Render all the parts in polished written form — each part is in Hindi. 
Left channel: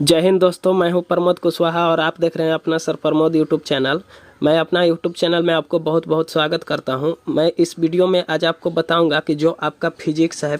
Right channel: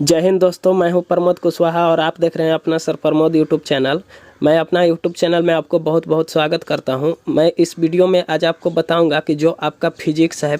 जय हिंद दोस्तों, मैं हूं प्रमोद कुशवाहा और आप देख रहे हैं अपना सर प्रमोद यूट्यूब चैनल। मैं अपना यूट्यूब चैनल में आपको बहुत बहुत स्वागत करता हूं। मैं इस वीडियो में आज आपको बताऊंगा कि जो आपका फिजिक्स है,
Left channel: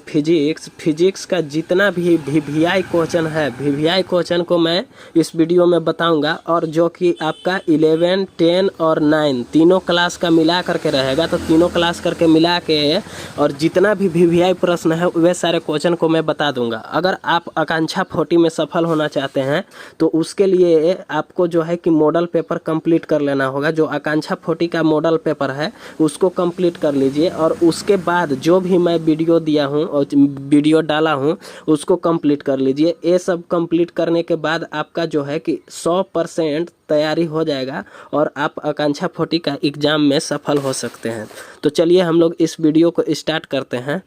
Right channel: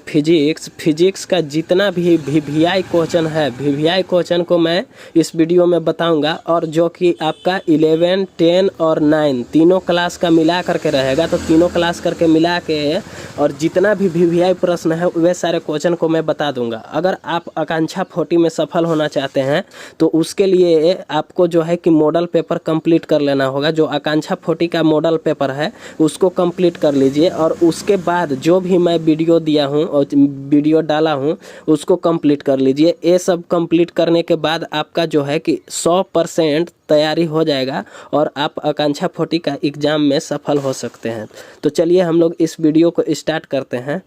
फिजिक्स का जितना भी वीवीआई क्वेश्चन है, वीवीआई क्वेश्चन को मैं इस वीडियो में बताऊंगा। और जो कि आपका 11, 10 और 9 तीनों क्लास का मिला करके रहेगा, तो तीनों क्लास करके मिला के और जितना भी वीवीआई प्रश्न है वे सारे क्वेश्चन को मैं बता दूंगा। अगर आप आकांक्षा 40 में सफल होना चाहते हैं तो उसके लिए आपको जो है कि मॉडल पेपर कंप्लीट कर लेना होगा। जो आकांक्षा 40 का मॉडल पेपर है उसको कंप्लीट कर लीजिए और उसके बाद जो भी मैं वीडियो दिया हूं और वीडियो डाला हूं उसको कंप्लीट कर लीजिए। ये सब कंप्लीट करने के बाद आपका जो है कि 100% तैयारी हो जाएगा और आप आकांक्षा 40 का एग्ज़ाम में सफल हो सकते हैं। तो चलिए हम लोग इस वीडियो को स्टार्ट करते हैं।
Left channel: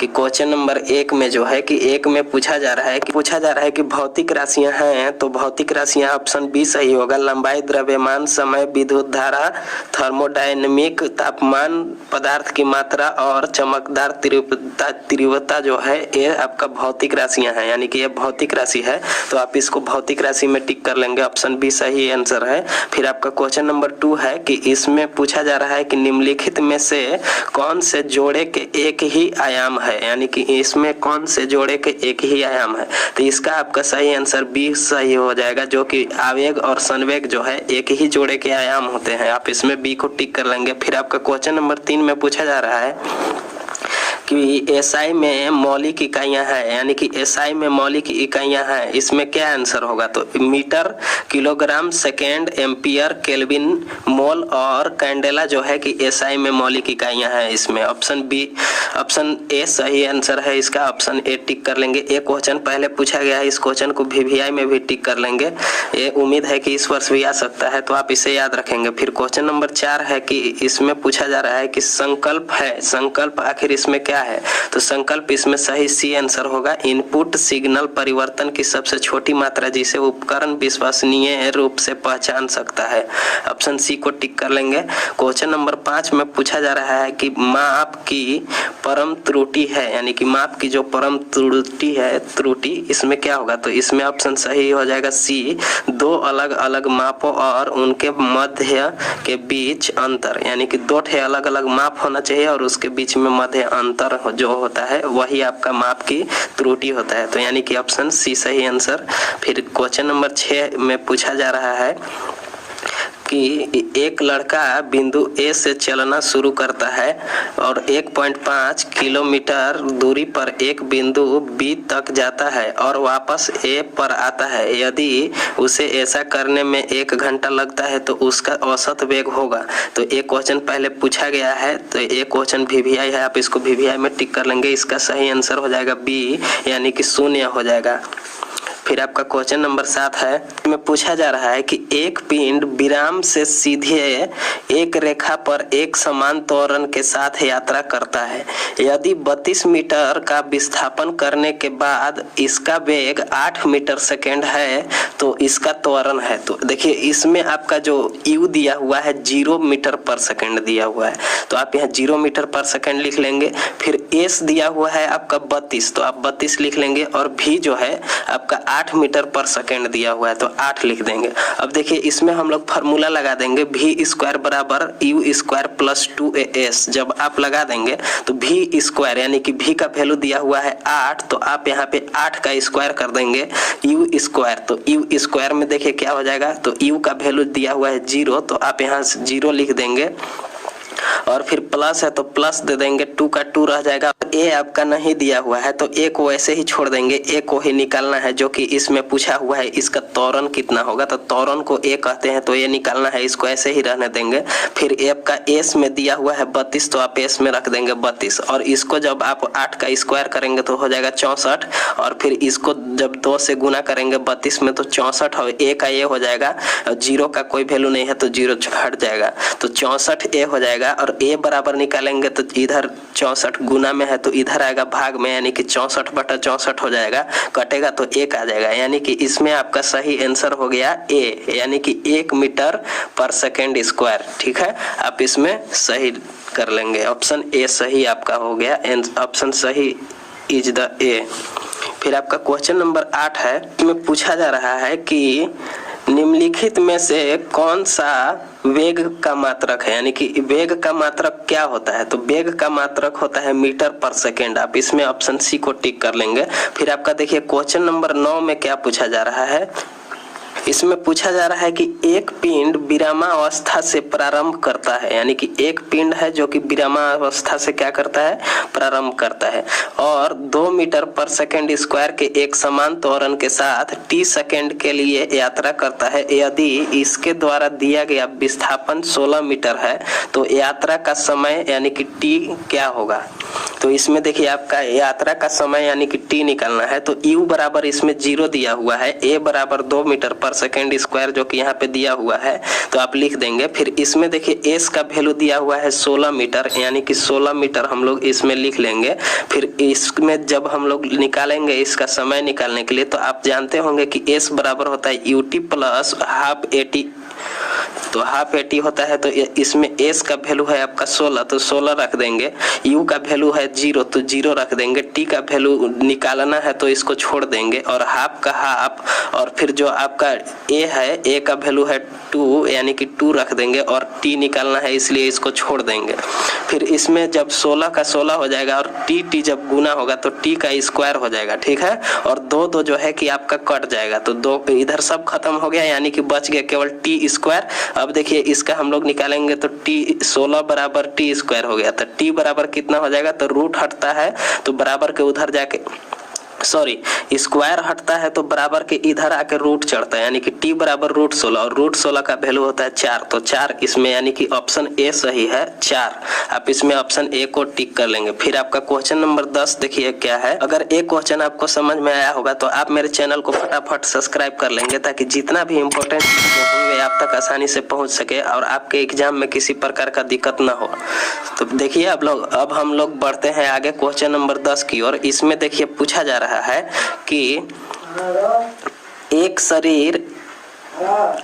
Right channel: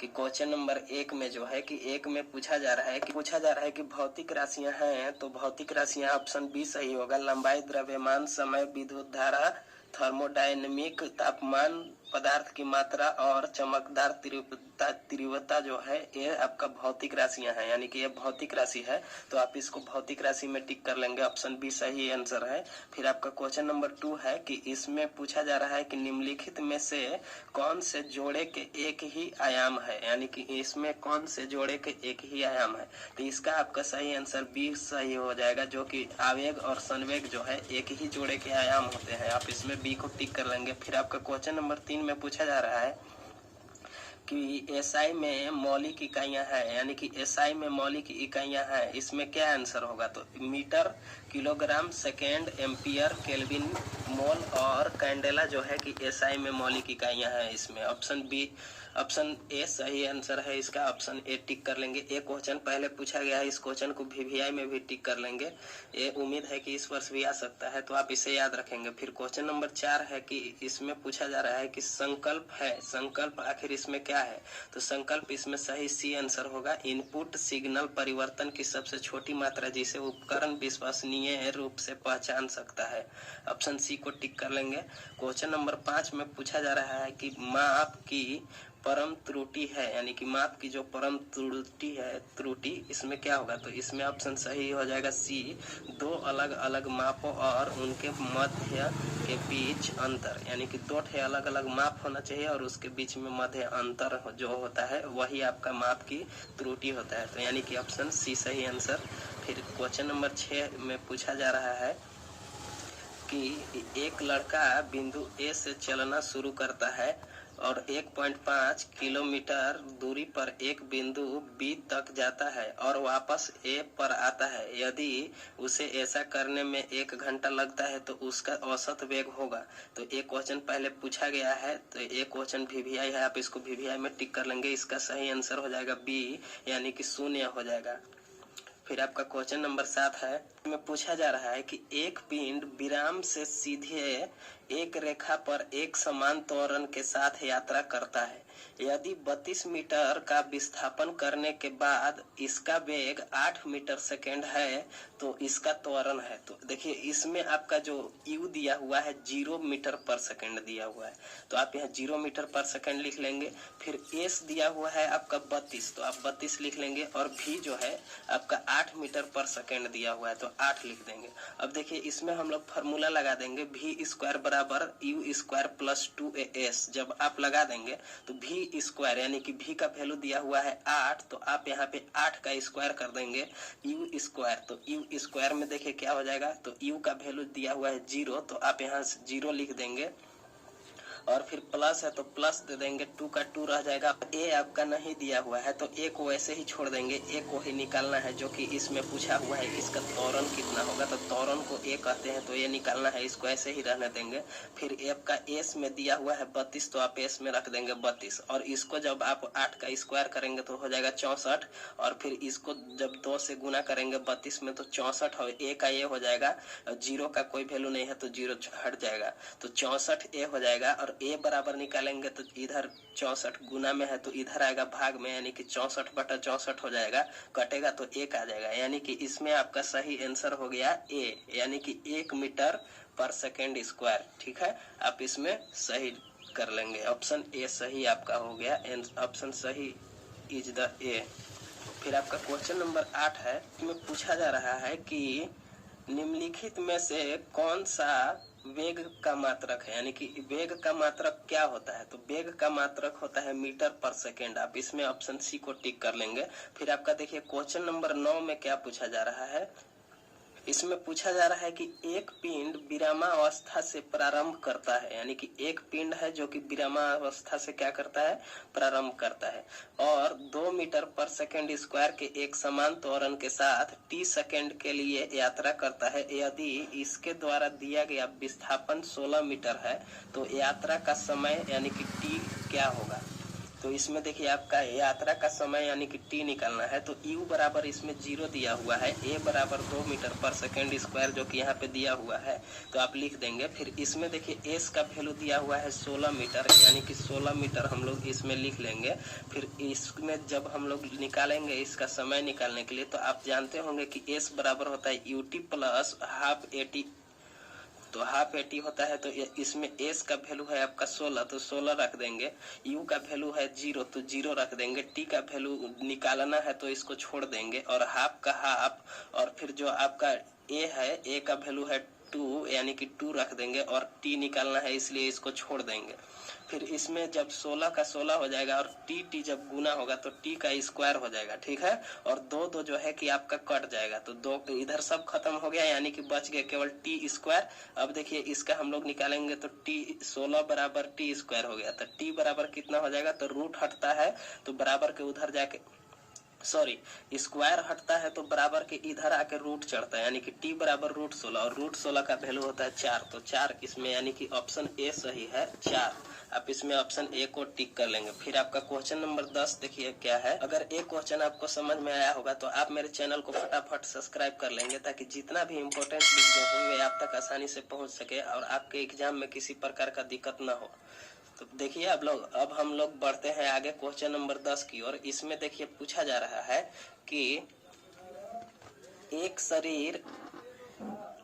कि क्वेश्चन नंबर 1 में जो है कि 1 में पूछा जा रहा है कि भौतिक राशियां हैं, तो भौतिक राशियां ऑप्शन बी सही होगा। लंबाई, द्रव्यमान, समय, विद्युत धारा, थर्मोडायनेमिक, तापमान, पदार्थ की मात्रा और चमकदार तीव्रता जो है ये आपका भौतिक राशियां हैं, यानी कि ये भौतिक राशि है। तो आप इसको भौतिक राशि में टिक कर लेंगे, ऑप्शन बी सही आंसर है। फिर आपका क्वेश्चन नंबर 2 है कि इसमें पूछा जा रहा है कि निम्नलिखित में से कौन से जोड़े के एक ही आयाम है, यानी कि इसमें कौन से जोड़े के एक ही आयाम है। तो इसका आपका सही आंसर बी सही हो जाएगा, जो कि आवेग और संवेग जो है एक ही जोड़े के आयाम होते हैं। आप इसमें बी को टिक कर लेंगे। फिर आपका क्वेश्चन नंबर 3 में पूछा जा रहा है कि एसआई में मौलिक इकाइयां हैं, यानी कि एसआई में मौलिक इकाइयां हैं, इसमें क्या आंसर होगा। तो metre, kilogram, second, ampere, kelvin, mole और कैंडेला जो है कि एसआई में मौलिक इकाइयां हैं। इसमें ऑप्शन ए सही आंसर है इसका, ऑप्शन ए टिक कर लेंगे। एक क्वेश्चन पहले पूछा गया है, इस क्वेश्चन को वीवीआई में भी टिक कर लेंगे। ये उम्मीद है कि इस वर्ष भी आ सकता है, तो आप इसे याद रखेंगे। फिर क्वेश्चन नंबर 4 है कि इसमें पूछा जा रहा है कि संकल्प है, संकल्प आखिर इसमें क्या है। तो संकल्प इसमें सही सी आंसर होगा। इनपुट सिग्नल परिवर्तन की सबसे छोटी मात्रा जिसे उपकरण विश्वसनीय रूप से पहचान सकता है, ऑप्शन सी को टिक कर लेंगे। क्वेश्चन नंबर 5 में पूछा जा रहा है कि माप की परम त्रुटि है, यानी कि माप की जो परम त्रुटि है, त्रुटि इसमें क्या होगा। तो इसमें ऑप्शन सही हो जाएगा सी, दो अलग अलग मापों और उनके मध्य के बीच अंतर, यानी कि दो ठे अलग अलग माप होना चाहिए और उसके बीच में मध्य अंतर जो होता है वही आपका माप की त्रुटि होता है। तो यानी कि ऑप्शन सी सही आंसर। फिर क्वेश्चन नंबर 6 में पूछा जा रहा है कि एक लड़का बिंदु ए से चलना शुरू करता है और 1.5 किलोमीटर दूरी पर एक बिंदु बी तक जाता है और वापस ए पर आता है। यदि उसे ऐसा करने में 1 घंटा लगता है तो उसका औसत वेग होगा। तो एक क्वेश्चन पहले पूछा गया है, तो एक क्वेश्चन वीवीआई है, आप इसको वीवीआई में टिक कर लेंगे। इसका सही आंसर हो जाएगा बी, यानी कि 0 हो जाएगा। फिर आपका क्वेश्चन नंबर 7 है, में पूछा जा रहा है कि एक पिंड विराम से सीधे एक रेखा पर एक समान त्वरण के साथ यात्रा करता है। यदि 32 मीटर का विस्थापन करने के बाद इसका वेग 8 मीटर सेकेंड है तो इसका त्वरण है। तो देखिए इसमें आपका जो यू दिया हुआ है 0 मीटर पर सेकेंड दिया हुआ है, तो आप यहाँ 0 मीटर पर सेकेंड लिख लेंगे। फिर एस दिया हुआ है आपका 32, तो आप 32 लिख लेंगे। और भी जो है आपका 8 मीटर पर सेकेंड दिया हुआ है, तो 8 लिख देंगे। अब देखिए इसमें हम लोग फार्मूला लगा देंगे, v स्क्वायर बराबर यू स्क्वायर प्लस 2as। जब आप लगा देंगे तो v स्क्वायर, यानी कि v का वैल्यू दिया हुआ है 8, तो आप यहाँ पे 8 का स्क्वायर कर देंगे u स्क्वायर। तो u स्क्वायर में देखिए क्या हो जाएगा, तो u का वैल्यू दिया हुआ है 0, तो आप यहाँ 0 लिख देंगे। और फिर प्लस है तो प्लस दे देंगे, 2 का 2 रह जाएगा। ए आपका नहीं दिया हुआ है तो ए को ऐसे ही छोड़ देंगे, ए को ही निकालना है जो कि इसमें पूछा हुआ है। इसका त्वरण कितना होगा, तो त्वरण को ए कहते हैं, तो ये निकालना है, इसको ऐसे ही रहने देंगे। फिर ए आपका एस में दिया हुआ है 32, तो आप एस में रख देंगे 32। और इसको जब आप 8 का स्क्वायर करेंगे तो हो जाएगा 64। और फिर इसको जब 2 से गुना करेंगे 32 में तो 64, और ए का ये हो जाएगा, 0 का कोई वैल्यू नहीं है तो 0 हट जाएगा, तो 64 ए हो जाएगा। और ए बराबर निकालेंगे तो इधर 64 गुना में है तो तो इधर आएगा भाग में, यानी कि 64/64 हो जाएगा, कटेगा तो 1 आ जाएगा, यानी कि इसमें आपका सही आंसर हो गया ए, यानी कि 1 मीटर पर सेकेंड स्क्वायर। ठीक है, आप इसमें सही कर लेंगे, ऑप्शन ए सही आपका हो गया, ऑप्शन सही इज द ए। फिर आपका क्वेश्चन नंबर 8 है, इसमें पूछा जा रहा है कि निम्नलिखित में से कौन सा वेग का मात्रक है, यानी कि वेग का मात्रक क्या होता है, तो वेग का मात्रक होता है मीटर पर सेकेंड। आप इसमें ऑप्शन सी को टिक कर लेंगे। फिर आपका देखिए क्वेश्चन नंबर 9 में क्या पूछा जा रहा है, इसमें पूछा जा रहा है कि एक पिंड विरामावस्था से प्रारंभ करता है, यानी कि एक पिंड है जो कि विरामावस्था से क्या करता है, प्रारंभ करता है, और 2 मीटर पर सेकेंड स्क्वायर के एक समान त्वरण के साथ t सेकेंड के लिए यात्रा करता है। यदि इसके द्वारा दिया गया विस्थापन 16 मीटर है तो यात्रा का समय यानी कि t क्या होगा। तो इसमें देखिए आपका यात्रा का समय यानी कि t निकालना है, तो u बराबर इसमें 0 दिया हुआ है, a बराबर 2 मीटर पर सेकेंड स्क्वायर जो कि यहाँ पे दिया हुआ है, तो आप लिख देंगे। फिर इसमें देखिए s का वैल्यू दिया हुआ है 16 मीटर, यानी कि 16 मीटर हम लोग इसमें लिख लेंगे। फिर इसमें जब हम लोग निकालेंगे इसका समय निकालने के लिए, तो आप जानते होंगे कि s बराबर होता है ut प्लस हाफ AT, तो हाफ AT होता है, तो इसमें s का वैल्यू है आपका 16, तो 16 रख देंगे, u का वैल्यू है 0 तो 0 रख देंगे, t का वैल्यू निकालना है तो इसको छोड़ देंगे, और हाफ का हाफ, और फिर जो आपका a है, a का वैल्यू है 2 यानी कि 2 रख देंगे, और t निकालना है इसलिए इसको छोड़ देंगे। फिर इसमें जब 16 का 16 हो जाएगा और t जब गुना होगा तो t का स्क्वायर हो जाएगा। ठीक है, और 2 जो है कि आपका कट जाएगा, तो 2 इधर सब खत्म हो गया, यानी कि बच गया केवल t स्क्वायर। अब देखिए इसका हम लोग निकालेंगे तो t 16 बराबर t स्क्वायर हो गया, तो t बराबर कितना हो जाएगा, तो रूट हटता है तो बराबर के उधर जाके स्क्वायर हटता है तो बराबर के इधर आके रूट चढ़ता है, यानी कि t बराबर √16, और √16 का वैल्यू होता है 4, तो 4 इसमें यानी कि ऑप्शन ए सही है 4। आप इसमें ऑप्शन ए को टिक कर लेंगे। फिर आपका क्वेश्चन नंबर 10 देखिए क्या है, अगर एक क्वेश्चन आपको समझ में आया होगा तो आप मेरे चैनल को फटाफट सब्सक्राइब कर लेंगे, ताकि जितना भी इम्पोर्टेंट होंगे आप तक आसानी से पहुंच सके और आपके एग्जाम में किसी प्रकार का दिक्कत ना हो। तो देखिए अब हम लोग बढ़ते हैं आगे क्वेश्चन नंबर 10 की ओर। इसमें देखिए पूछा जा रहा है कि एक शरीर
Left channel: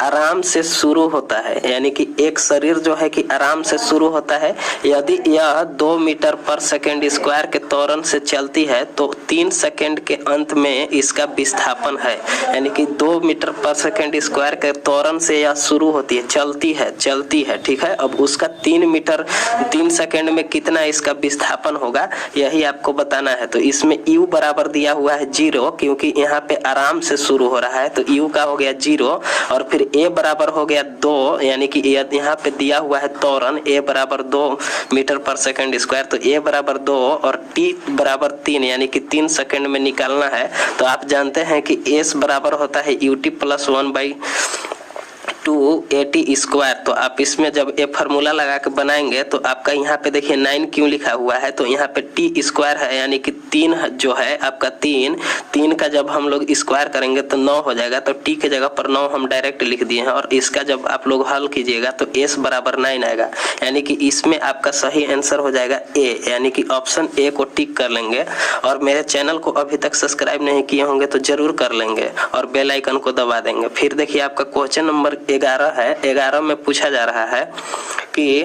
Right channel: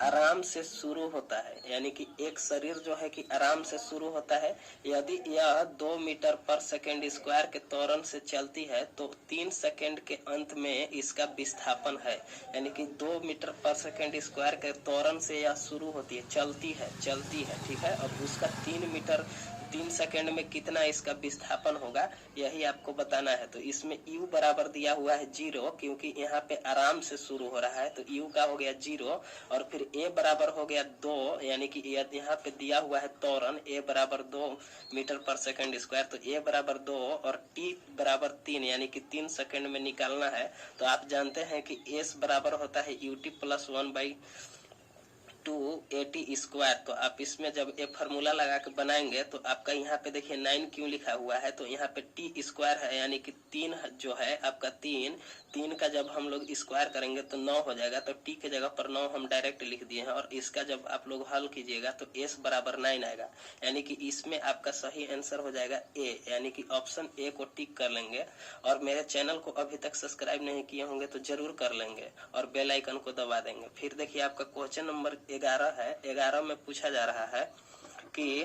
आराम से शुरू होता है, यानी कि एक शरीर जो है कि आराम से शुरू होता है, यदि यह 2 मीटर पर सेकेंड स्क्वायर के त्वरण से चलती है तो 3 सेकेंड के अंत में इसका विस्थापन है, यानी कि 2 मीटर पर सेकेंड स्क्वायर के त्वरण से यह शुरू होती है, चलती है। ठीक है, अब उसका 3 सेकेंड में कितना इसका विस्थापन होगा यही आपको बताना है। तो इसमें u बराबर दिया हुआ है 0, क्योंकि यहाँ पे आराम से शुरू हो रहा है, तो u का हो गया 0, और फिर a बराबर हो गया 2, यानी कि यहाँ पे दिया हुआ है त्वरण a बराबर 2 मीटर पर सेकंड स्क्वायर, तो a बराबर 2 और t बराबर 3, यानी कि 3 सेकंड में निकालना है। तो आप जानते हैं कि s बराबर होता है ut प्लस 1/2 स्क्वायर। तो आप इसमें जब ये फार्मूला लगा के बनाएंगे तो आपका यहाँ पे देखिए 9 क्यों लिखा हुआ है, तो यहाँ पे टी स्क्वायर है, यानी कि 3 जो है आपका 3 का जब हम लोग स्क्वायर करेंगे तो 9 हो जाएगा, तो टी के जगह पर 9 हम डायरेक्ट लिख दिए हैं, और इसका जब आप लोग हल कीजिएगा तो s बराबर 9 आएगा, यानी कि इसमें आपका सही आंसर हो जाएगा ए, यानी कि ऑप्शन ए को टिक कर लेंगे। और मेरे चैनल को अभी तक सब्सक्राइब नहीं किए होंगे तो जरूर कर लेंगे और बेल आइकन को दबा देंगे। फिर देखिए आपका क्वेश्चन नंबर 11 है। 11 में पूछा जा रहा है कि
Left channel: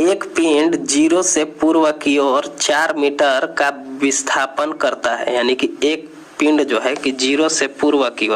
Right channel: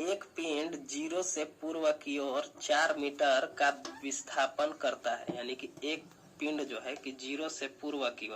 एक पिंड 0 से पूर्व की ओर 4 मीटर का विस्थापन करता है, यानी कि एक पिंड जो है कि 0 से पूर्व की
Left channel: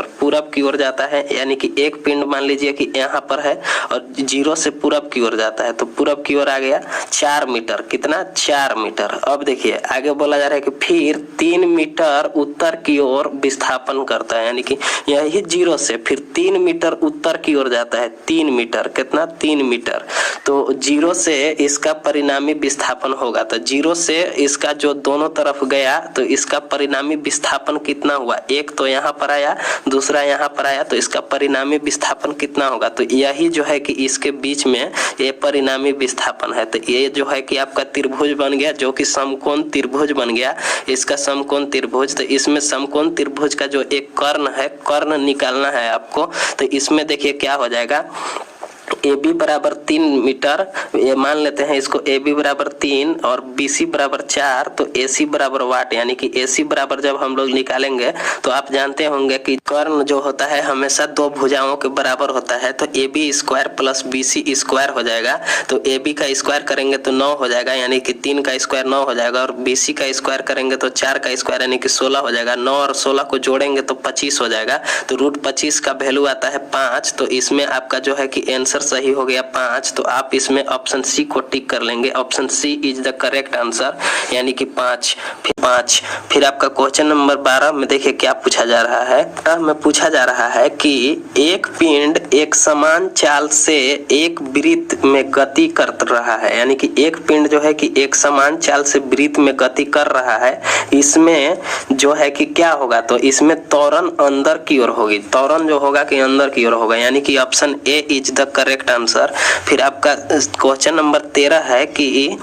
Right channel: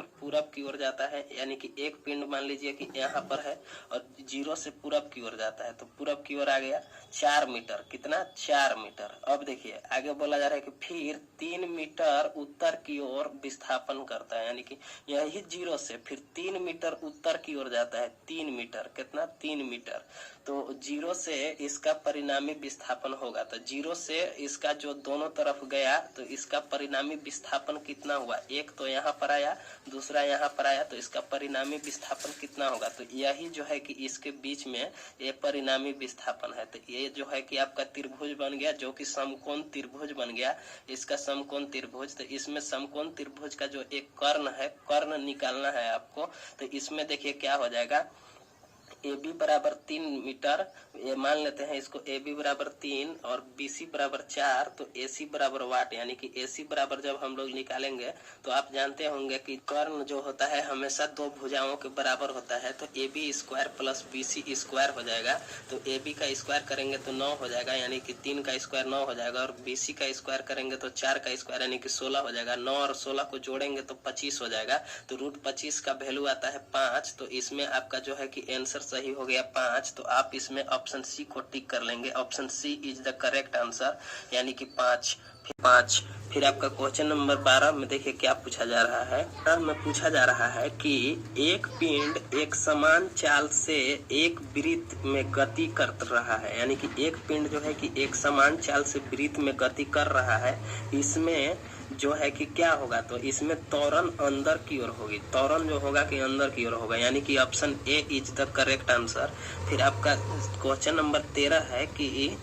ओर जाता है, यानी कि एक पिंड मान लीजिए कि यहाँ पर है और 0 से पूरब की ओर जाता है, तो पूरब की ओर आ गया 4 मीटर, कितना 4 मीटर। अब देखिए आगे बोला जा रहा है कि फिर 3 मीटर उत्तर की ओर विस्थापन करता है, यानी कि यही 0 से फिर 3 मीटर उत्तर की ओर जाता है, 3 मीटर, कितना 3 मीटर, तो 0 से इसका परिणामी विस्थापन होगा, तो 0 से इसका जो दोनों तरफ गया तो इसका परिणामी विस्थापन कितना हुआ, एक तो यहाँ पर आया दूसरा यहाँ पर आया, तो इसका परिणामी विस्थापन कितना होगा, तो यही जो है कि इसके बीच में ये परिणामी विस्थापन है। तो ये जो है कि आपका त्रिभुज बन गया, जो कि समकोण त्रिभुज बन गया, इसका समकोण त्रिभुज। तो इसमें समकोण त्रिभुज का जो एक कर्ण है, कर्ण निकालना है आपको, तो इसमें देखिए क्या हो जाएगा, ए बी बराबर 3 मीटर, ये मान लेते हैं इसको ए बी बराबर 3 और बी सी बराबर 4, तो ए सी बराबर वाट, यानी कि ए सी बराबर जब हम लोग निकालेंगे तो आप जानते होंगे कि कर्ण जो होता है हमेशा दो भुजाओं के बराबर होता है, तो A B square plus B C square हो जाएगा। तो ए बी का स्क्वायर करेंगे तो 9 हो जाएगा, यानी कि 3 का स्क्वायर 9 हो जाएगा, और बी सी का स्क्वायर करेंगे तो 4 का स्क्वायर यानी कि 16 हो जाएगा। 9 और 16 को जोड़ेंगे तो 25 हो जाएगा, तो रूट 25 का वैल्यू आता है 5। तो इसमें आपका जो है कि आंसर सही हो गया 5। तो आप इसमें ऑप्शन सी को टिक कर लेंगे, option C is the correct answer, यानी कि 5। फिर आपका क्वेश्चन नंबर 12 में देखिए क्या पूछा जा रहा है। में पूछा जा रहा है कि एक पिंड एक समान चाल से एक वृत्त में गति कर रहा है, यानी कि एक पिंड जो है कि एक समान चाल से वृत्त में गति कर रहा है। इसमें जो है कि क्या होगा, तो इसमें त्वरण अंदर की ओर होगी, त्वरण जो होगा कि अंदर की ओर होगा, यानी कि option A is the correct answer. फिर आपका क्वेश्चन नंबर 13 है कि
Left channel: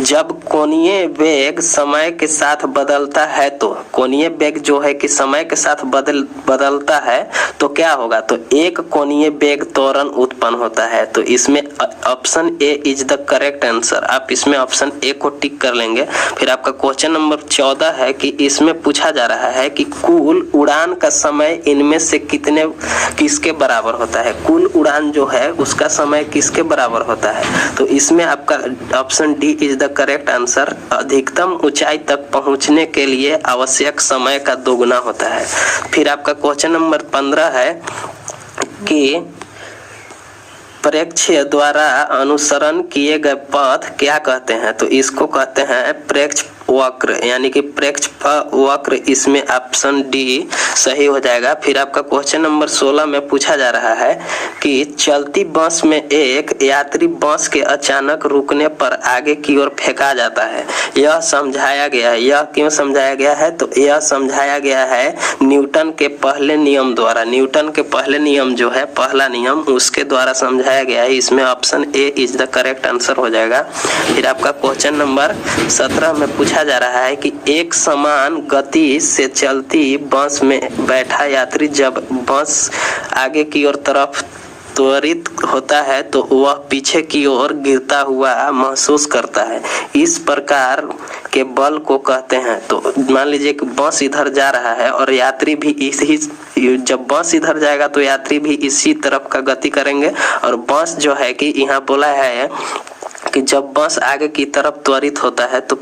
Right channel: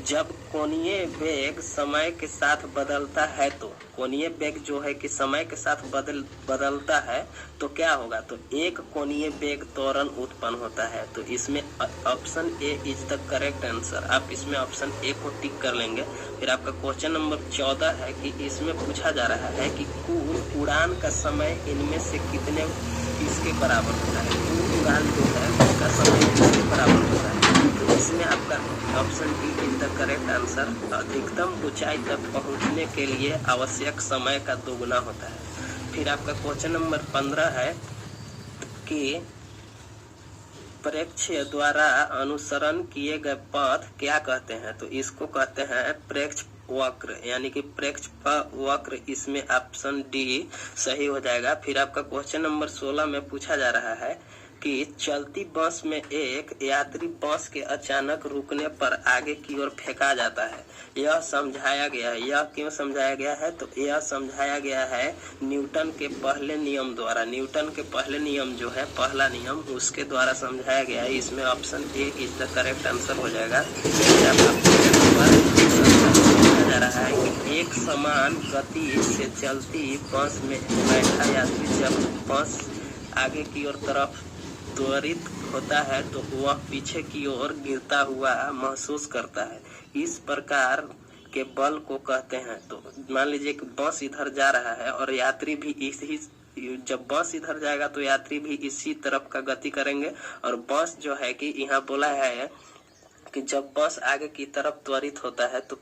जब कोणीय वेग समय के साथ बदलता है, तो कोणीय वेग जो है कि समय के साथ बदलता है तो क्या होगा, तो एक कोणीय वेग त्वरण उत्पन्न होता है। तो इसमें option A is the correct answer, आप इसमें ऑप्शन ए को टिक कर लेंगे। फिर आपका क्वेश्चन नंबर 14 है कि इसमें पूछा जा रहा है कि कुल उड़ान का समय इनमें से किसके बराबर होता है, कुल उड़ान जो है उसका समय किसके बराबर होता है। तो इसमें आपका option D is the correct answer, अधिकतम ऊंचाई तक पहुंचने के लिए आवश्यक समय का दोगुना होता है। फिर आपका क्वेश्चन नंबर 15 है कि प्रेक्ष्य द्वारा अनुसरण किए गए पथ क्या कहते हैं, तो इसको कहते हैं प्रेक्ष्य वक्र, यानी कि प्रेक्ष्य वक्र, इसमें ऑप्शन डी सही हो जाएगा। फिर आपका क्वेश्चन नंबर 16 में पूछा जा रहा है कि चलती बस में एक यात्री बस के अचानक रुकने पर आगे की ओर फेंका जाता है, यह समझाया गया है। यह क्यों समझाया गया है, तो यह समझाया गया है न्यूटन के पहले नियम द्वारा। न्यूटन के पहले नियम जो है, पहला नियम, उसके द्वारा समझाया गया है। इसमें option A is the correct answer हो जाएगा। फिर आपका क्वेश्चन नंबर 17 में पूछा जा रहा है कि एक समान गति से चलती बस में बैठा यात्री जब बस आगे की ओर तरफ त्वरित होता है तो वह पीछे की ओर गिरता हुआ महसूस करता है, इस प्रकार के बल को कहते हैं। तो मान लीजिए कि बस इधर जा रहा है और यात्री भी इसी, जब बस इधर जाएगा तो यात्री भी इसी तरफ का गति करेंगे, और बस जो है कि यहाँ बोला है कि जब बस आगे की तरफ त्वरित होता है तो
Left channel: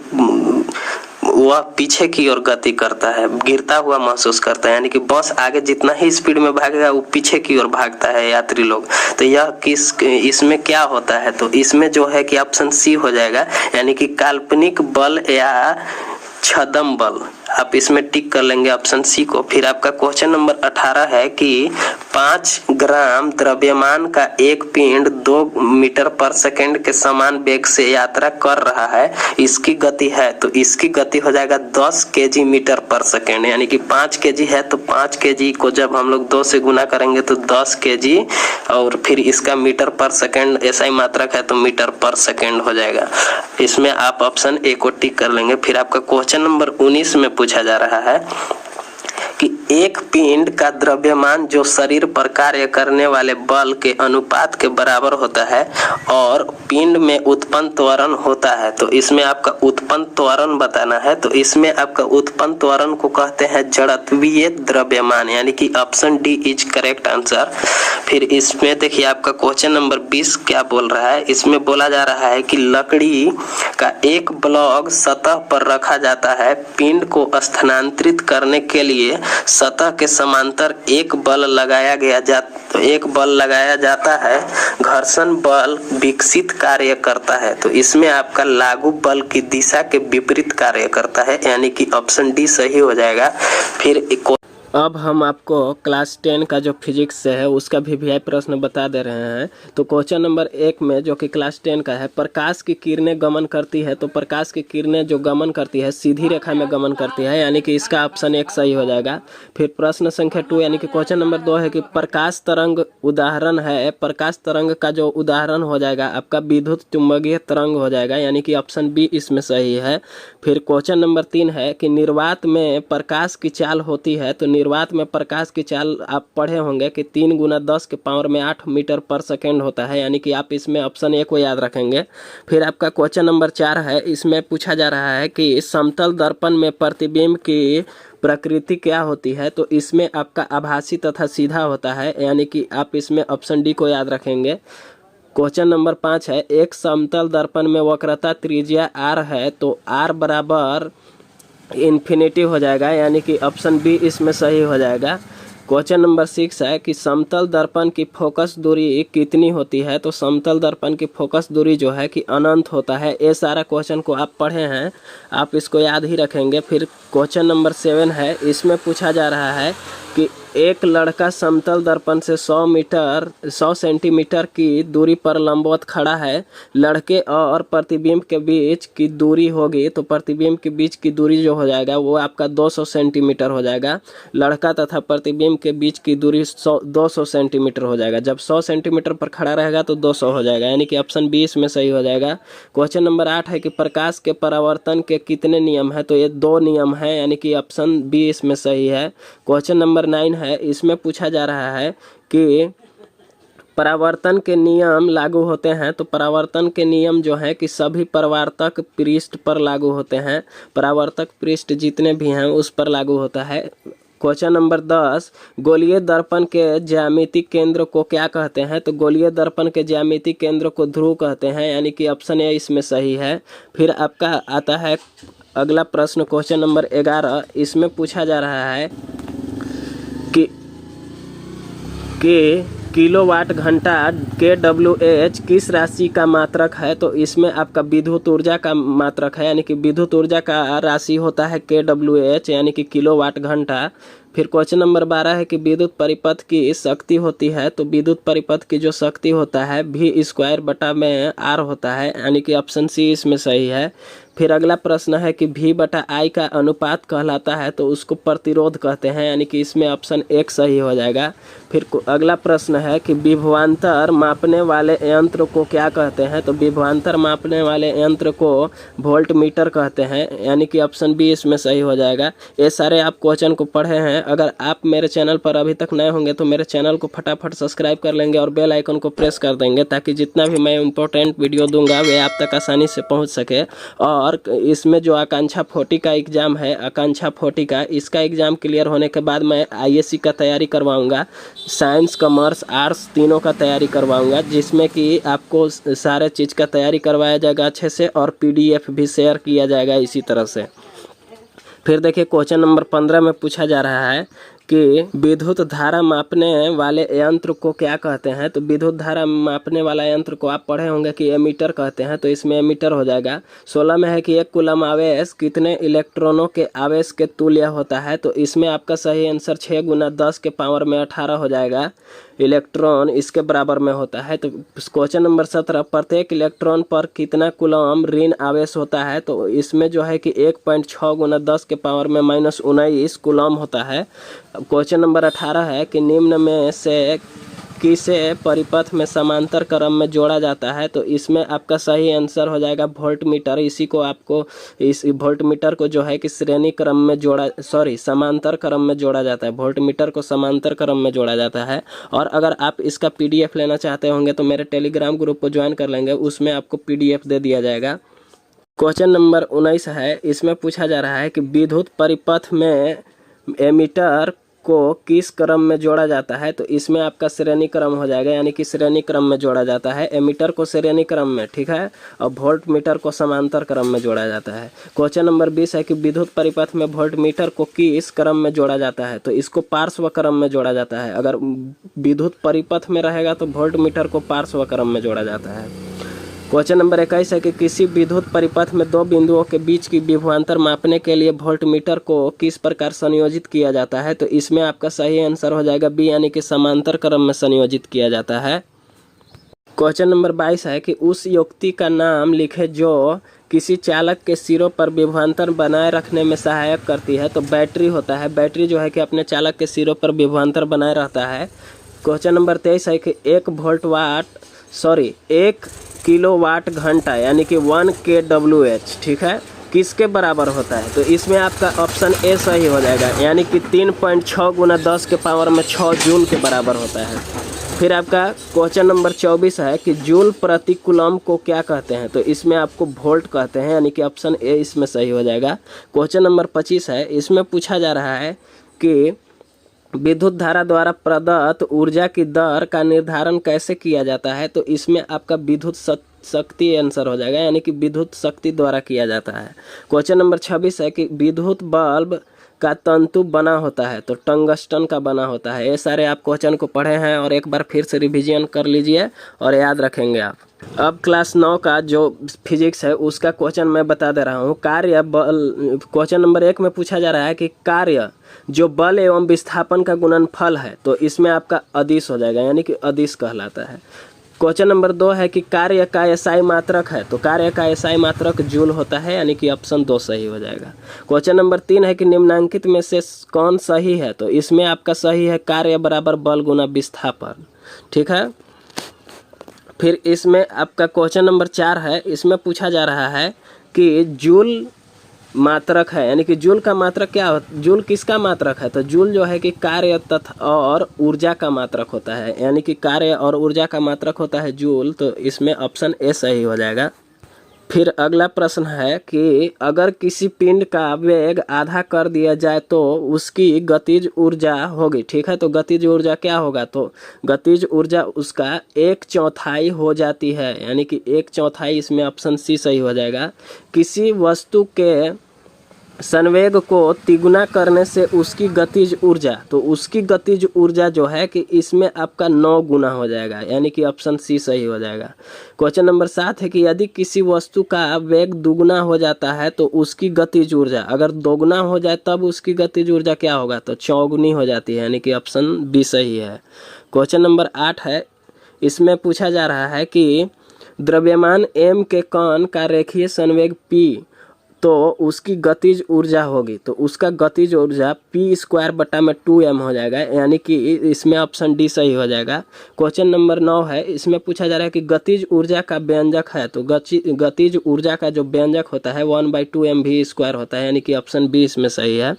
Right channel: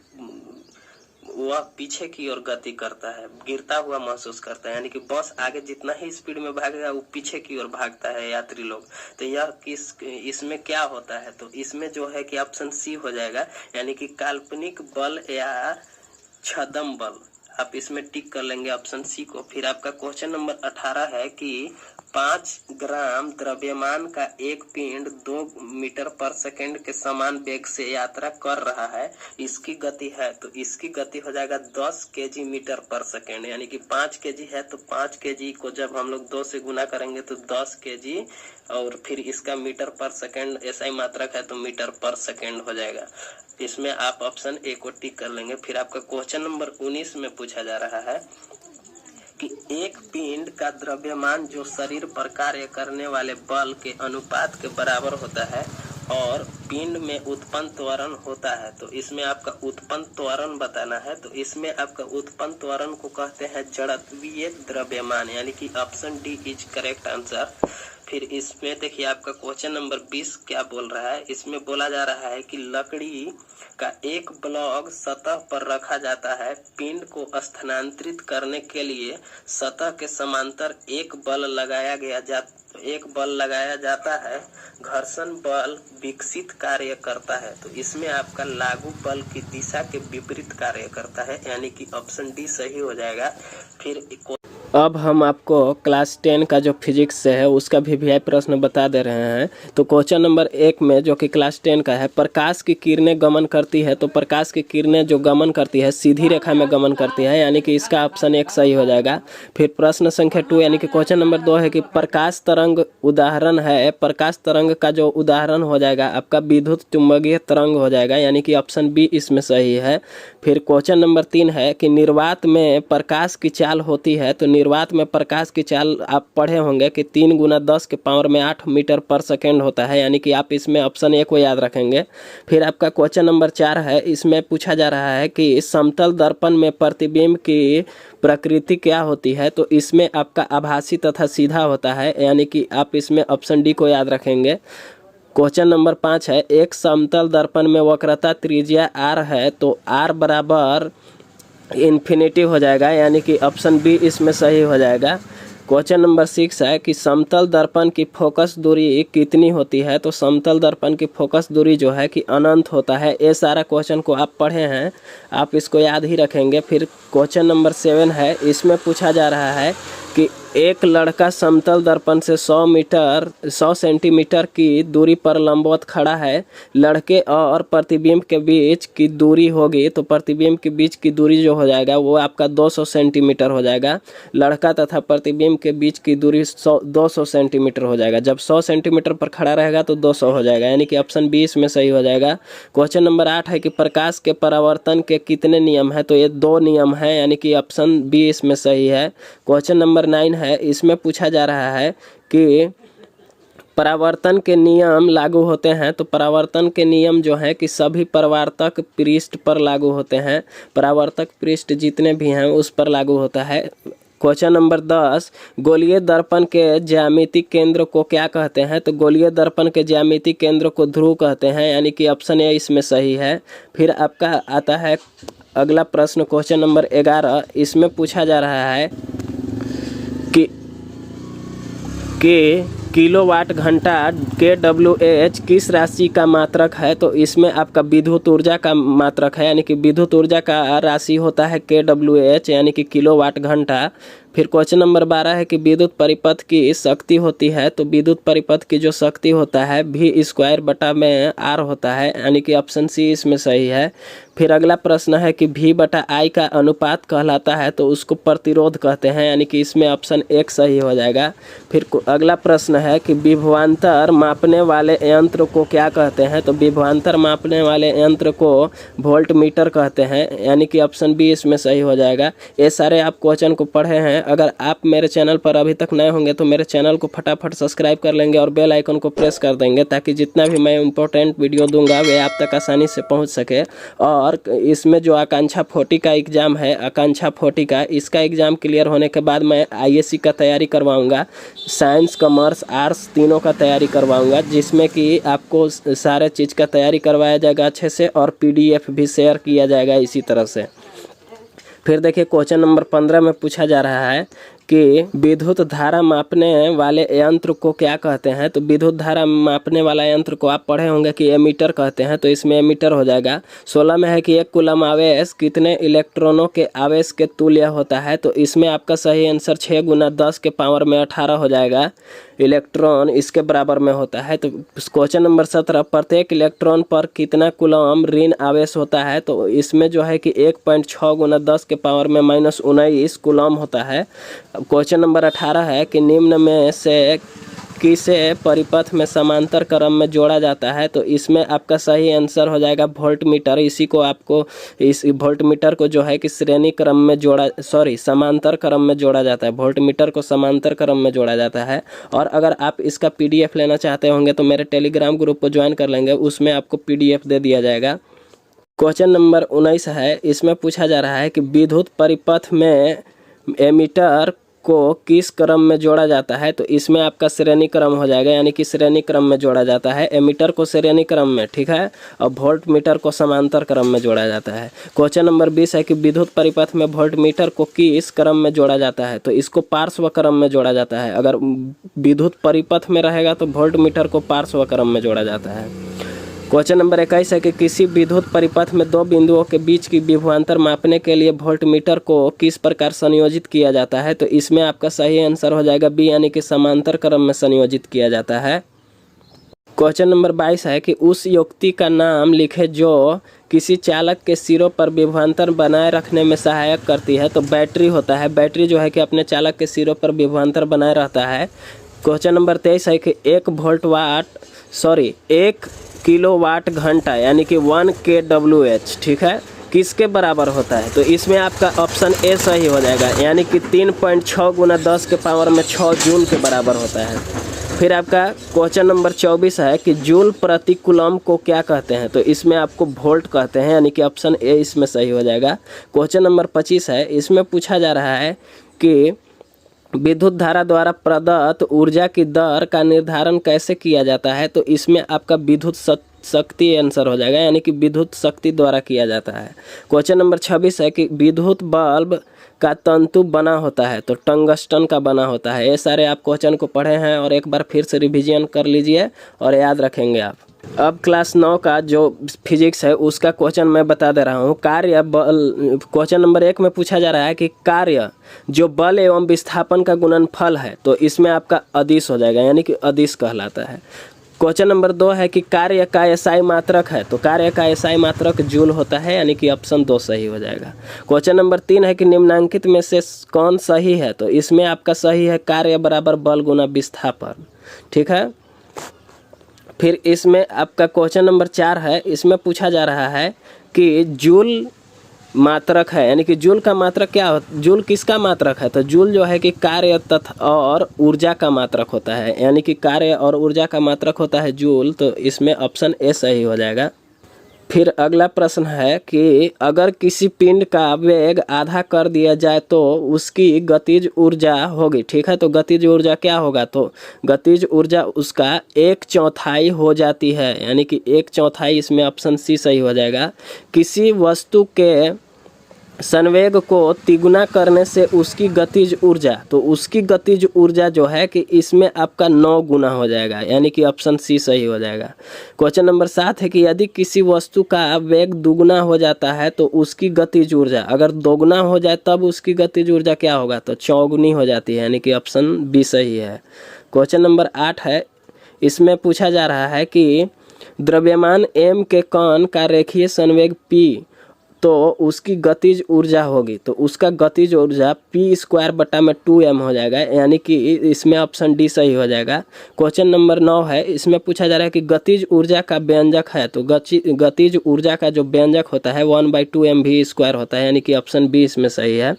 वह पीछे की ओर गति करता है, गिरता हुआ महसूस करता है, यानी कि बस आगे जितना ही स्पीड में भागेगा वो पीछे की ओर भागता है यात्री लोग। तो यह इसमें क्या होता है, तो इसमें जो है कि ऑप्शन सी हो जाएगा, यानी कि काल्पनिक बल या छदम बल, आप इसमें टिक कर लेंगे ऑप्शन सी को। फिर आपका क्वेश्चन नंबर 18 है कि 5 ग्राम द्रव्यमान का एक पिंड 2 मीटर पर सेकंड के समान वेग से यात्रा कर रहा है, इसकी गति है, तो इसकी गति हो जाएगा 10 केजी मीटर पर सेकंड, यानी कि 5 केजी है तो 5 केजी को जब हम लोग 2 से गुना करेंगे तो 10 केजी, और फिर इसका मीटर पर सेकंड एसआई मात्रक है तो मीटर पर सेकंड हो जाएगा। इसमें आप ऑप्शन ए को टिक कर लेंगे। फिर आपका क्वेश्चन नंबर 19 में पूछा जा रहा है कि एक पिंड का द्रव्यमान जो शरीर पर कार्य करने वाले बल के अनुपात के बराबर होता है और पिंड में उत्पन्न त्वरण होता है, तो इसमें आपका उत्पन्न त्वरण बताना है। तो इसमें आपका उत्पन्न त्वरण को कहते हैं जड़त्वीय द्रव्यमान, यानी कि option D is correct answer. फिर इसमें देखिए आपका क्वेश्चन नंबर 20 क्या बोल रहा है, इसमें बोला जा रहा है कि लकड़ी का एक ब्लॉक सतह पर रखा जाता है, पिंड को स्थानांतरित करने के लिए सतह के समांतर एक बल लगाया जाता है, घर्षण बल विकसित कार्य करता है। तो इसमें आपका लागू बल की दिशा के विपरीत कार्य करता है, यानी कि ऑप्शन डी सही हो जाएगा। फिर अब हम आपको क्लास 10 का जो फिजिक्स है उसका वीवीआई प्रश्न बता दे रहे हैं। तो क्वेश्चन नंबर 1 में जो कि क्लास 10 का है, प्रकाश की किरणें गमन करती है, तो प्रकाश की किरणें जो गमन करती है सीधी रेखा में गमन करती है, यानी कि इसका ऑप्शन 1 सही हो जाएगा। फिर प्रश्न संख्या 2 यानी कि क्वेश्चन नंबर 2 है कि प्रकाश तरंग उदाहरण है, प्रकाश तरंग का जो उदाहरण हो जाएगा आपका विद्युत चुंबकीय तरंग हो जाएगा, यानी कि ऑप्शन बी इसमें सही है। फिर क्वेश्चन नंबर 3 है कि निर्वात में प्रकाश की चाल होती है, तो निर्वात में प्रकाश की चाल आप पढ़े होंगे कि 3 × 10 के पावर में 8 मीटर पर सेकेंड होता है, यानी कि आप इसमें ऑप्शन ए को याद रखेंगे। फिर आपका क्वेश्चन नंबर 4 है, इसमें पूछा जा रहा है कि समतल दर्पण में प्रतिबिंब की प्रकृति क्या होती है। तो इसमें आपका आभासी तथा सीधा होता है, यानी कि आप इसमें ऑप्शन डी को याद रखेंगे। क्वेश्चन नंबर 5 है, एक समतल दर्पण में वक्रता त्रिज्या r है तो r बराबर इन्फिनिटी हो जाएगा, यानी कि ऑप्शन बी इसमें सही हो जाएगा। क्वेश्चन नंबर 6 है कि समतल दर्पण की फोकस दूरी कितनी होती है। तो समतल दर्पण की फोकस दूरी जो है कि अनंत होता है। ये सारा क्वेश्चन को आप पढ़े हैं, आप इसको याद ही रखेंगे। फिर क्वेश्चन नंबर 7 है, इसमें पूछा जा रहा है कि एक लड़का समतल दर्पण से 100 सेंटीमीटर की दूरी पर लंबवत खड़ा है। लड़के और प्रतिबिंब के बीच की दूरी होगी तो प्रतिबिंब के बीच की दूरी जो हो जाएगा वो आपका 200 सेंटीमीटर हो जाएगा। लड़का तथा प्रतिबिंब के बीच की दूरी 200 सेंटीमीटर हो जाएगा। जब 100 सेंटीमीटर पर खड़ा रहेगा तो 200 हो जाएगा, यानी कि ऑप्शन बी इसमें सही हो जाएगा। क्वेश्चन नंबर 8 है कि प्रकाश के परावर्तन के कितने नियम है। तो ये 2 नियम है, यानी कि ऑप्शन बी इसमें सही है। क्वेश्चन नंबर 9 है, इसमें पूछा जा रहा है कि परावर्तन के नियम लागू होते हैं। तो परावर्तन के नियम जो है कि सभी परावर्तक पृष्ठ पर लागू होते हैं। परावर्तक पृष्ठ जितने भी हैं उस पर लागू होता है। क्वेश्चन नंबर 10, गोलीय दर्पण के ज्यामितीय केंद्र को क्या कहते हैं। तो गोलीय दर्पण के ज्यामितीय केंद्र को ध्रुव कहते हैं, यानी कि ऑप्शन ए इसमें सही है। फिर आपका आता है अगला प्रश्न, क्वेश्चन नंबर 11, इसमें पूछा जा रहा है कि किलोवाट घंटा kWh किस राशि का मात्रक है। तो इसमें आपका विद्युत ऊर्जा का मात्रक है, यानी कि विद्युत ऊर्जा का राशि होता है kWh, यानी कि किलोवाट घंटा। फिर क्वेश्चन नंबर 12 है कि विद्युत परिपथ की शक्ति होती है। तो विद्युत परिपथ की जो शक्ति होता है V² होता है, यानी कि ऑप्शन सी इसमें सही है। फिर अगला प्रश्न है कि V/I का अनुपात कहलाता है तो उसको प्रतिरोध कहते हैं, यानी कि इसमें ऑप्शन 1 सही हो जाएगा। फिर अगला प्रश्न है कि विभवांतर मापने वाले यंत्र को क्या कहते हैं। तो विभवांतर मापने वाले यंत्र को वोल्टमीटर कहते हैं, यानी कि ऑप्शन बी इसमें सही हो जाएगा। ये सारे आप क्वेश्चन को पढ़े हैं। अगर आप मेरे चैनल पर अभी तक नए होंगे तो मेरे चैनल को फटाफट सब्सक्राइब कर लेंगे और बेल आइकन को प्रेस कर देंगे, ताकि जितना भी मैं इम्पोर्टेंट वीडियो दूंगा वे आप तक आसानी से पहुँच सके। और इसमें जो आकांक्षा 40 का एग्ज़ाम है, आकांक्षा 40 का, इसका एग्ज़ाम क्लियर होने के बाद मैं IAC का तैयारी करवाऊंगा, साइंस कॉमर्स आर्ट्स तीनों का तैयारी करवाऊंगा, जिसमें कि आपको सारे चीज़ का तैयारी करवाया जाएगा अच्छे से और PDF भी शेयर किया जाएगा इसी तरह से। फिर देखिए क्वेश्चन नंबर 15 में पूछा जा रहा है कि विद्युत धारा मापने वाले यंत्र को क्या कहते हैं। तो विद्युत धारा मापने वाला यंत्र को आप पढ़े होंगे कि एमीटर कहते हैं, तो इसमें एमीटर हो जाएगा। 16 में है कि 1 कूलम आवेश कितने इलेक्ट्रॉनों के आवेश के तुल्य होता है। तो इसमें आपका सही आंसर 6 × 10 के पावर में 18 हो जाएगा। इलेक्ट्रॉन इसके बराबर में होता है। तो क्वेश्चन नंबर 17, प्रत्येक इलेक्ट्रॉन पर कितना कूलम ऋण आवेश होता है। तो इसमें जो है कि 1.6 × 10 के पावर में -19 कूलम होता है। क्वेश्चन नंबर 18 है कि निम्न में से किसे परिपथ में समांतर क्रम में जोड़ा जाता है। तो इसमें आपका सही आंसर हो जाएगा वोल्टमीटर। इसी को आपको, इस वोल्टमीटर को जो है कि समांतर क्रम में जोड़ा जाता है। वोल्टमीटर को समांतर क्रम में जोड़ा जाता है। और अगर आप इसका PDF लेना चाहते होंगे तो मेरे टेलीग्राम ग्रुप को ज्वाइन कर लेंगे, उसमें आपको PDF दे दिया जाएगा। क्वेश्चन नंबर 19 है, इसमें पूछा जा रहा है कि विद्युत परिपथ में एमीटर को किस क्रम में जोड़ा जाता है। तो इसमें आपका श्रेणी क्रम हो जाएगा, यानी कि श्रेणी क्रम में जोड़ा जाता है। एमीटर को श्रेणी क्रम में, ठीक है, और वोल्टमीटर को समांतर क्रम में जोड़ा जाता है। क्वेश्चन नंबर 20 है कि विद्युत परिपथ में वोल्टमीटर को किस क्रम में जोड़ा जाता है। तो इसको पार्श्व क्रम में जोड़ा जाता है। अगर विद्युत परिपथ में रहेगा तो वोल्टमीटर को पार्श्व क्रम में जोड़ा जाता है। क्वेश्चन नंबर 21 है कि किसी विद्युत परिपथ में 2 बिंदुओं के बीच की विभवांतर मापने के लिए वोल्टमीटर को किस प्रकार संयोजित किया जाता है। तो इसमें आपका सही आंसर हो जाएगा बी, यानी कि समांतर क्रम में संयोजित किया जाता है। क्वेश्चन नंबर 22 है कि उस युक्ति का नाम लिखे जो किसी चालक के सिरों पर विभवांतर बनाए रखने में सहायक करती है। तो बैटरी होता है। बैटरी जो है कि अपने चालक के सिरों पर विभवांतर बनाए रहता है। क्वेश्चन नंबर 23 है कि 1 किलोवाट घंटा, यानी कि 1 kWh, ठीक है, किसके बराबर होता है, तो इसमें आपका ऑप्शन ए सही हो जाएगा, यानी कि 3.6 गुना 10 के पावर में 6 जूल के बराबर होता है। फिर आपका क्वेश्चन नंबर 24 है कि जूल प्रति कूलम को क्या कहते हैं, तो इसमें आपको वोल्ट कहते हैं, यानी कि ऑप्शन ए इसमें सही हो जाएगा। क्वेश्चन नंबर 25 है, इसमें पूछा जा रहा है कि विद्युत धारा द्वारा प्रदत्त ऊर्जा की दर का निर्धारण कैसे किया जाता है, तो इसमें आपका विद्युत शक्ति आंसर हो जाएगा, यानी कि विद्युत शक्ति द्वारा किया जाता है। क्वेश्चन नंबर 26 है कि विद्युत बल्ब का तंतु बना होता है, तो टंगस्टन का बना होता है। ये सारे आप क्वेश्चन को पढ़े हैं और एक बार फिर से रिवीजन कर लीजिए और याद रखेंगे आप। अब क्लास 9 का जो फिजिक्स है उसका क्वेश्चन मैं बता दे रहा हूँ। कार्य बल, क्वेश्चन नंबर 1 में पूछा जा रहा है कि कार्य जो बल एवं विस्थापन का गुणनफल है, तो इसमें आपका अदिश हो जाएगा, यानी कि अदिश कहलाता है। क्वेश्चन नंबर 2 है कि कार्य का एसआई मात्रक है, तो कार्य का एसआई मात्रक जूल होता है, यानी कि ऑप्शन 2 सही हो जाएगा। क्वेश्चन नंबर 3 है कि निम्नांकित में से कौन सही है, तो इसमें आपका सही है कार्य बराबर बल गुना विस्थापन। ठीक है। फिर इसमें आपका क्वेश्चन नंबर 4 है, इसमें पूछा जा रहा है कि जूल मात्रक है, यानी कि जूल का मात्रक क्या होता, जूल किसका मात्रक है, तो जूल जो है कि कार्य तथा और ऊर्जा का मात्रक होता है, यानी कि कार्य और ऊर्जा का मात्रक होता है जूल, तो इसमें ऑप्शन ए सही हो जाएगा। फिर अगला प्रश्न है कि अगर किसी पिंड का वेग आधा कर दिया जाए तो उसकी गतिज ऊर्जा होगी। ठीक है, तो गतिज ऊर्जा क्या होगा, तो गतिज ऊर्जा उसका 1/4 हो जाती है, यानी कि 1/4, इसमें ऑप्शन सी सही हो जाएगा। किसी वस्तु के संवेग को तिगुना करने से उसकी गतिज ऊर्जा, तो उसकी गतिज ऊर्जा जो है कि इसमें आपका 9 गुना हो जाएगा, यानी कि ऑप्शन सी सही हो जाएगा। क्वेश्चन नंबर 7 है कि यदि किसी वस्तु का वेग दुगुना हो जाता है तो उसकी गतिज ऊर्जा, अगर दोगुना हो जाए तब उसकी गतिज ऊर्जा क्या होगा, तो चौगुनी हो जाती है, यानी कि ऑप्शन बी सही है। क्वेश्चन नंबर 8 है, इसमें पूछा जा रहा है कि द्रव्यमान m के कण का रेखीय संवेग p, तो उसकी गतिज ऊर्जा होगी, तो उसका गतिज ऊर्जा p²/2m हो जाएगा, यानी कि इसमें ऑप्शन डी सही हो जाएगा। क्वेश्चन नंबर 9 है, इसमें पूछा जा रहा है कि गतिज ऊर्जा का व्यंजक है, तो गतिज ऊर्जा का जो व्यंजक होता है 1/2mv² होता है, यानी कि ऑप्शन बी इसमें सही है।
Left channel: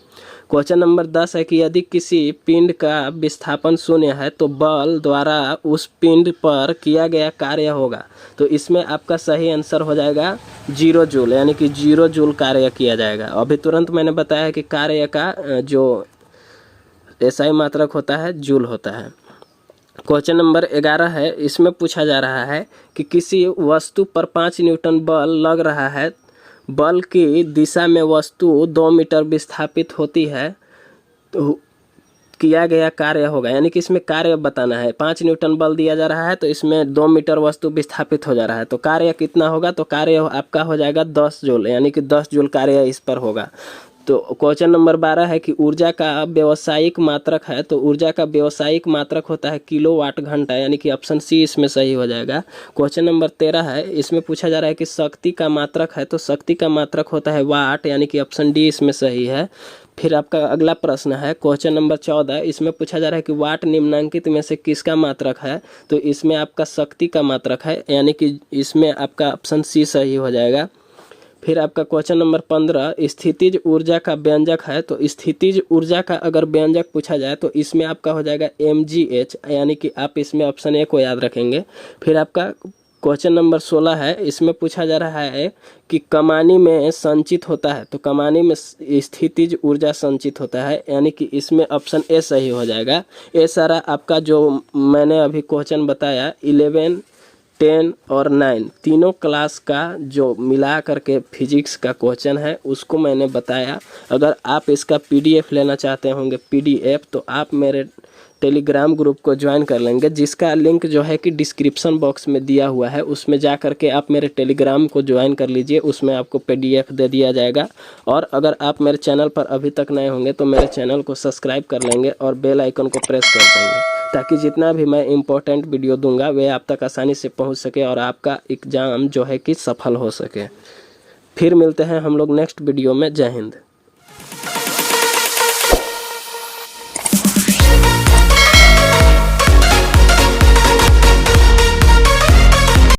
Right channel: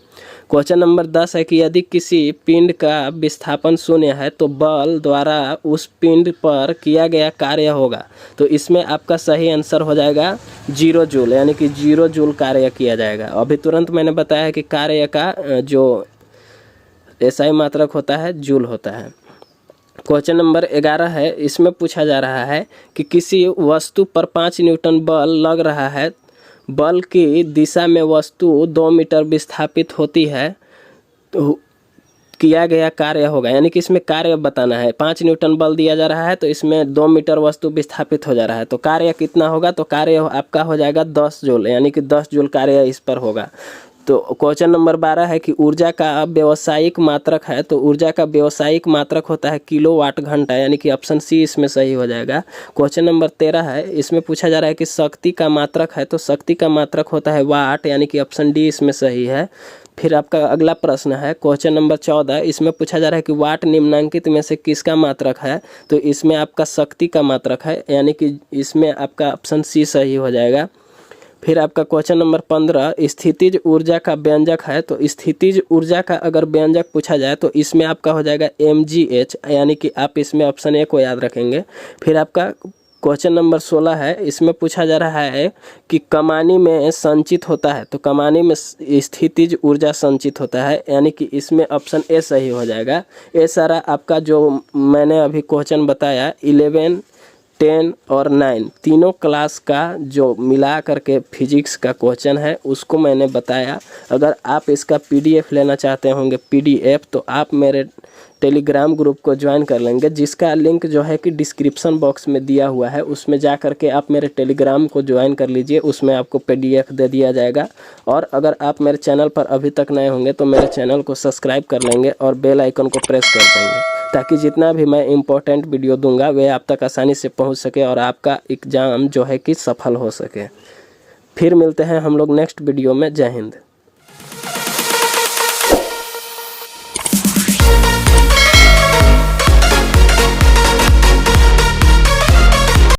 क्वेश्चन नंबर 10 है कि यदि किसी पिंड का विस्थापन 0 है तो बल द्वारा उस पिंड पर किया गया कार्य होगा, तो इसमें आपका सही आंसर हो जाएगा 0 जूल, यानी कि 0 जूल कार्य किया जाएगा। अभी तुरंत मैंने बताया है कि कार्य का जो एसआई मात्रक होता है जूल होता है। क्वेश्चन नंबर 11 है, इसमें पूछा जा रहा है कि किसी वस्तु पर 5 न्यूटन बल लग रहा है, बल की दिशा में वस्तु 2 मीटर विस्थापित होती है, तो किया गया कार्य होगा, यानी कि इसमें कार्य बताना है। 5 न्यूटन बल दिया जा रहा है तो इसमें 2 मीटर वस्तु विस्थापित हो जा रहा है, तो कार्य कितना होगा, तो कार्य आपका हो जाएगा 10 जूल, यानी कि 10 जूल कार्य इस पर होगा। तो क्वेश्चन नंबर 12 है कि ऊर्जा का व्यावसायिक मात्रक है, तो ऊर्जा का व्यावसायिक मात्रक होता है किलोवाट घंटा, यानी कि ऑप्शन सी इसमें सही हो जाएगा। क्वेश्चन नंबर 13 है, इसमें पूछा जा रहा है कि शक्ति का मात्रक है, तो शक्ति का मात्रक होता है वाट, यानी कि ऑप्शन डी इसमें सही है। फिर आपका अगला प्रश्न है क्वेश्चन नंबर 14, इसमें पूछा जा रहा है कि वाट निम्नांकित में से किसका मात्रक है, तो इसमें आपका शक्ति का मात्रक है, यानी कि इसमें आपका ऑप्शन सी सही हो जाएगा। फिर आपका क्वेश्चन नंबर 15, स्थितिज ऊर्जा का व्यंजक है, तो स्थितिज ऊर्जा का अगर व्यंजक पूछा जाए तो इसमें आपका हो जाएगा mgh, यानी कि आप इसमें ऑप्शन ए को याद रखेंगे। फिर आपका क्वेश्चन नंबर 16 है, इसमें पूछा जा रहा है कि कमानी में संचित होता है, तो कमानी में स्थितिज ऊर्जा संचित होता है, यानी कि इसमें ऑप्शन ए सही हो जाएगा। ये सारा आपका जो मैंने अभी क्वेश्चन बताया 11, 10 और 9 तीनों क्लास का जो मिला करके फिजिक्स का क्वेश्चन है उसको मैंने बताया। अगर आप इसका PDF लेना चाहते होंगे PDF, तो आप मेरे टेलीग्राम ग्रुप को ज्वाइन कर लेंगे, जिसका लिंक जो है कि डिस्क्रिप्शन बॉक्स में दिया हुआ है, उसमें जा करके आप मेरे टेलीग्राम को ज्वाइन कर लीजिए, उसमें आपको PDF दे दिया जाएगा। और अगर आप मेरे चैनल पर अभी तक नए होंगे तो मेरे चैनल को सब्सक्राइब कर लेंगे और बेल आइकन को प्रेस कर देंगे, ताकि जितना भी मैं इम्पोर्टेंट वीडियो दूंगा वे आप तक आसानी से पहुंच सके और आपका एग्ज़ाम जो है कि सफल हो सके। फिर मिलते हैं हम लोग नेक्स्ट वीडियो में। जय हिंद।